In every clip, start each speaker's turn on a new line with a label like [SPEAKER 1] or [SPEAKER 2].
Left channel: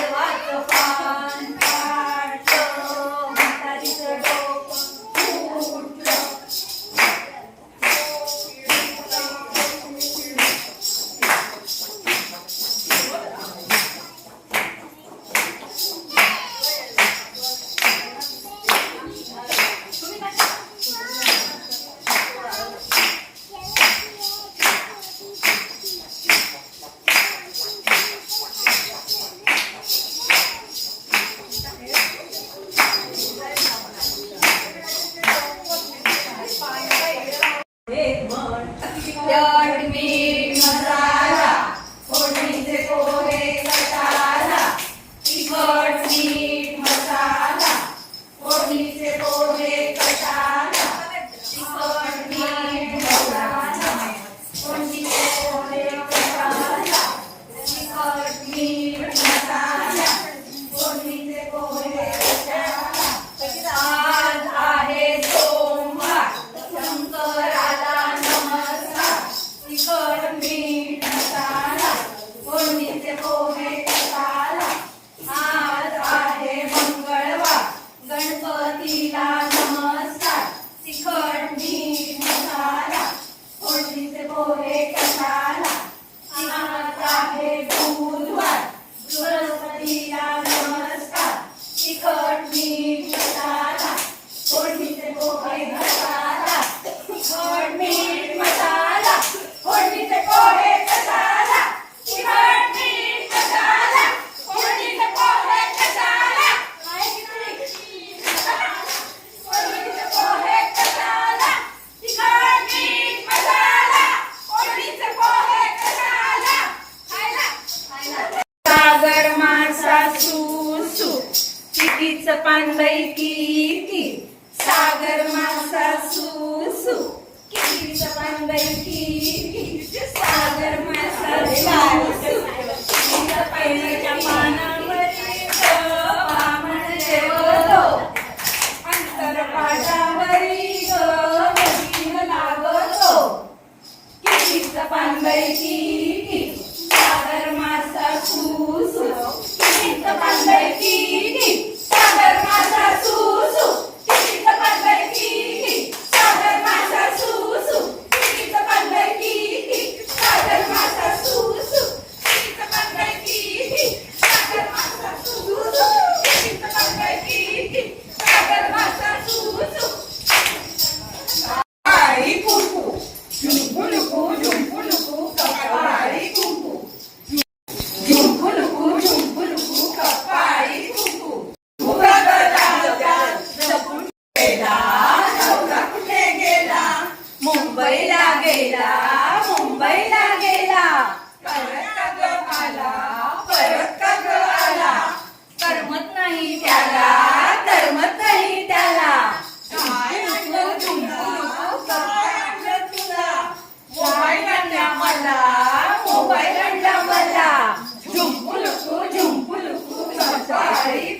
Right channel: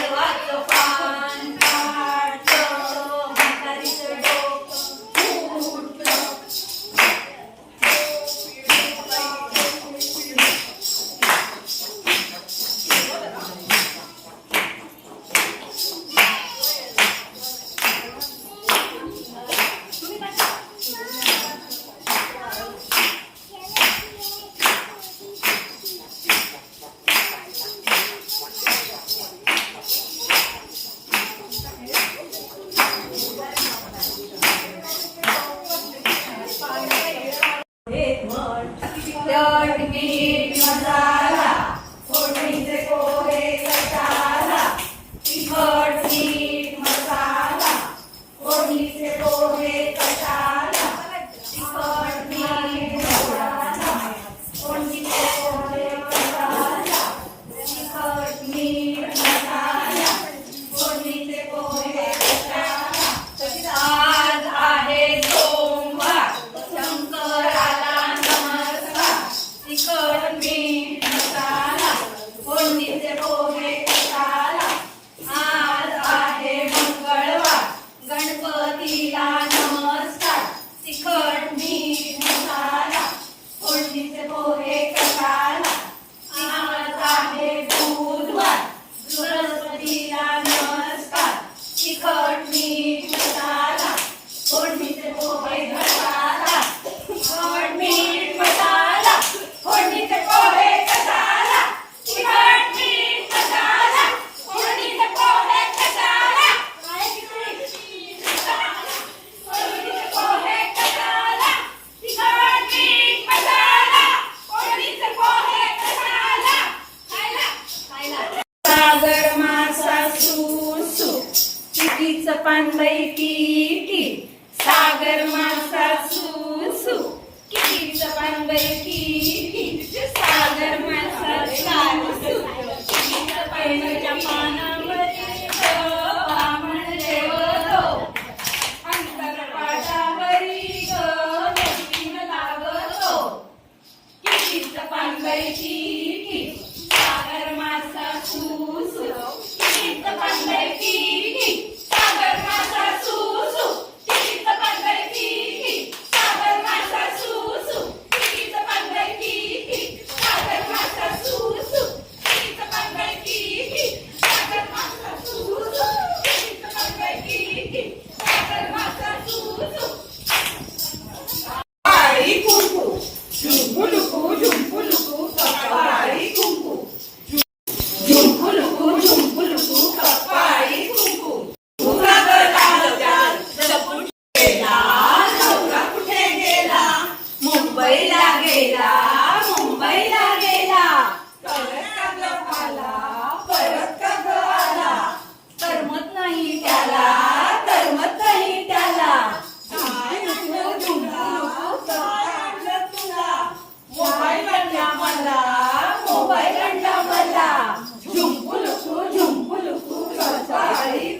[SPEAKER 1] I like the fun. pardon me. पानबाई की सागर मासा सुसु. किडीच पानबाई की सागर मासा सुसु. किडीच पानबाईच्या
[SPEAKER 2] पाना गेला मुंबईला गेला. परत का ग आला परत का ग आला.
[SPEAKER 1] करमत नाही त्याला
[SPEAKER 2] करमत नाही त्याला. काय म्हणलं तुला? काय म्हणलं तुला? मोबाईल आणला मला मोबाईल आणला मला. झुंपू लुकू झुंपू लुकू सकाळी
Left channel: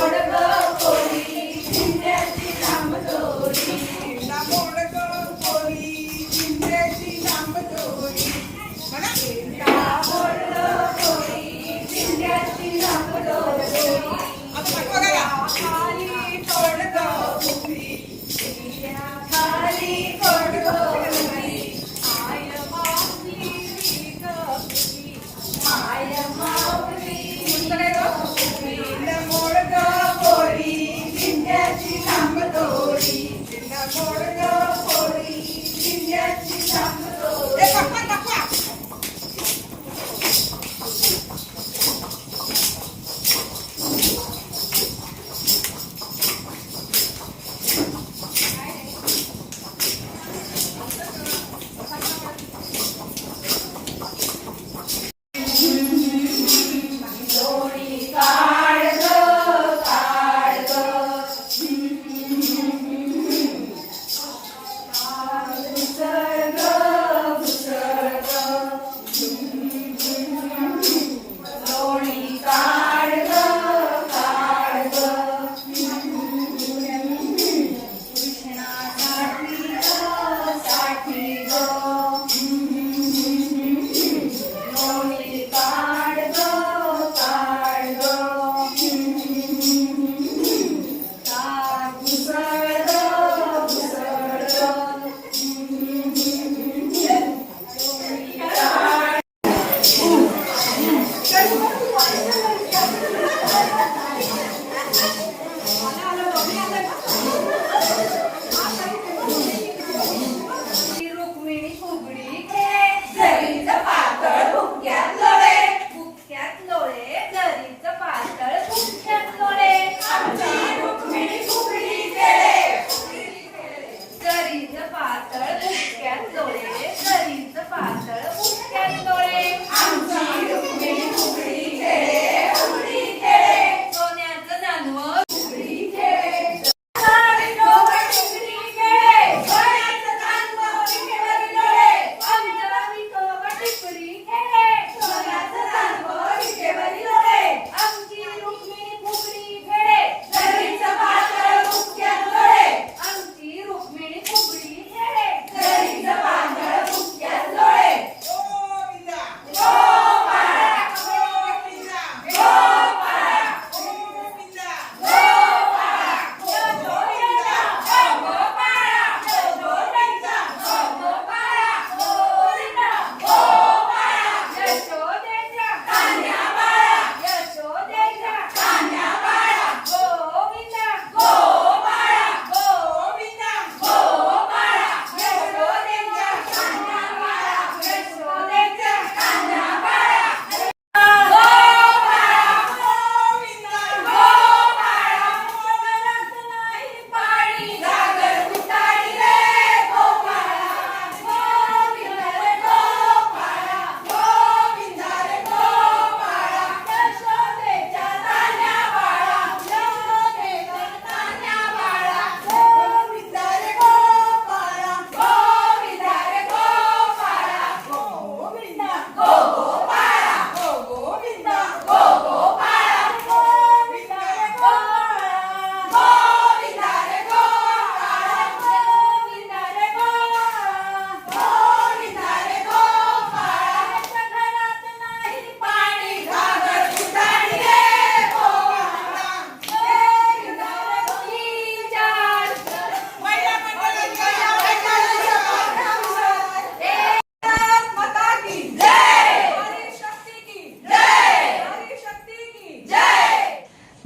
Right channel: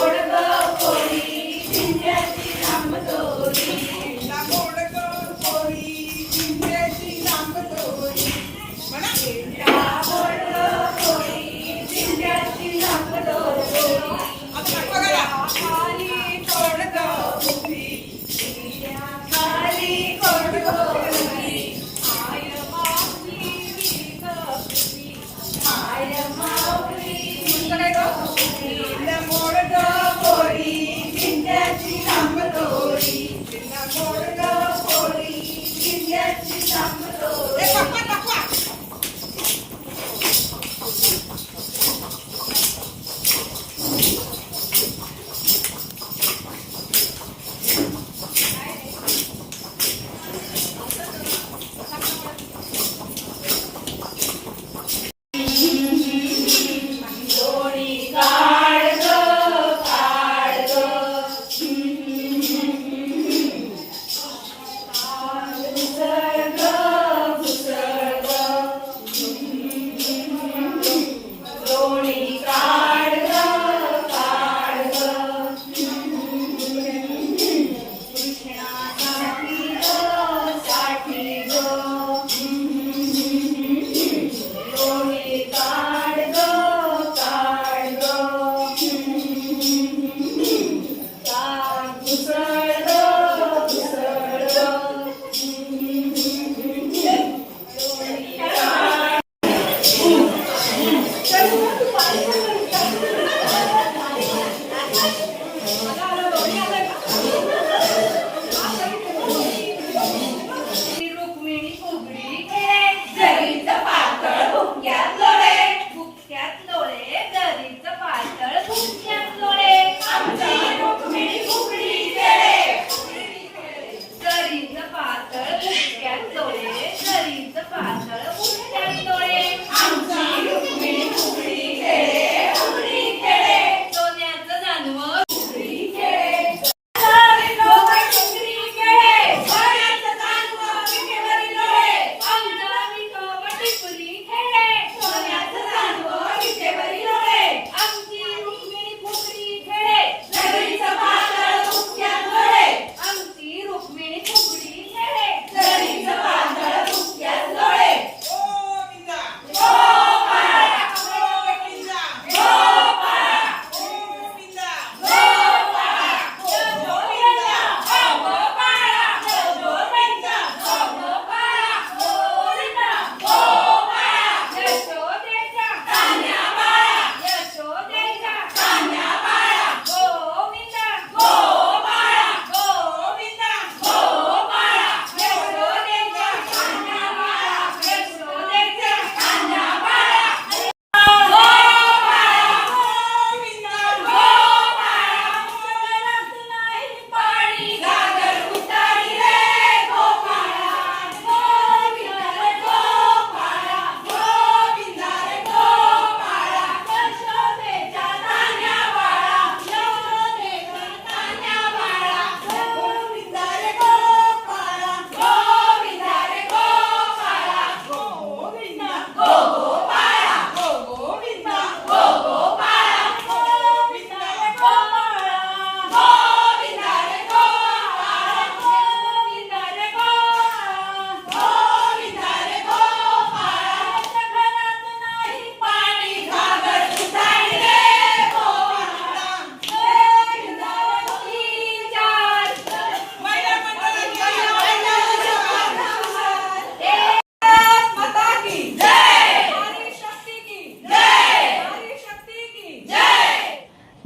[SPEAKER 2] കൊടുക്കുക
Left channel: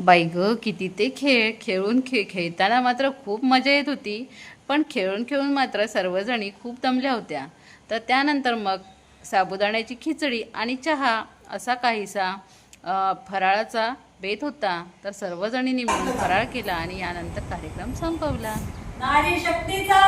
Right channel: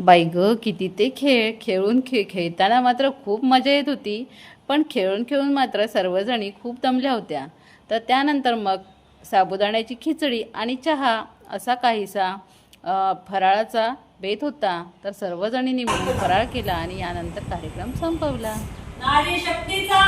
[SPEAKER 3] बाई गं किती ते खेळ खेळून खेळ खेळताना मात्र खूप मजा येत होती. पण खेळून खेळून मात्र सर्वजणी खूप दमल्या होत्या. तर त्यानंतर मग साबुदाण्याची खिचडी आणि चहा असा काहीसा फराळाचा बेत होता. तर सर्वजणींनी मिळून फराळ केला आणि यानंतर कार्यक्रम संपवला.
[SPEAKER 1] नारी शक्तीचा!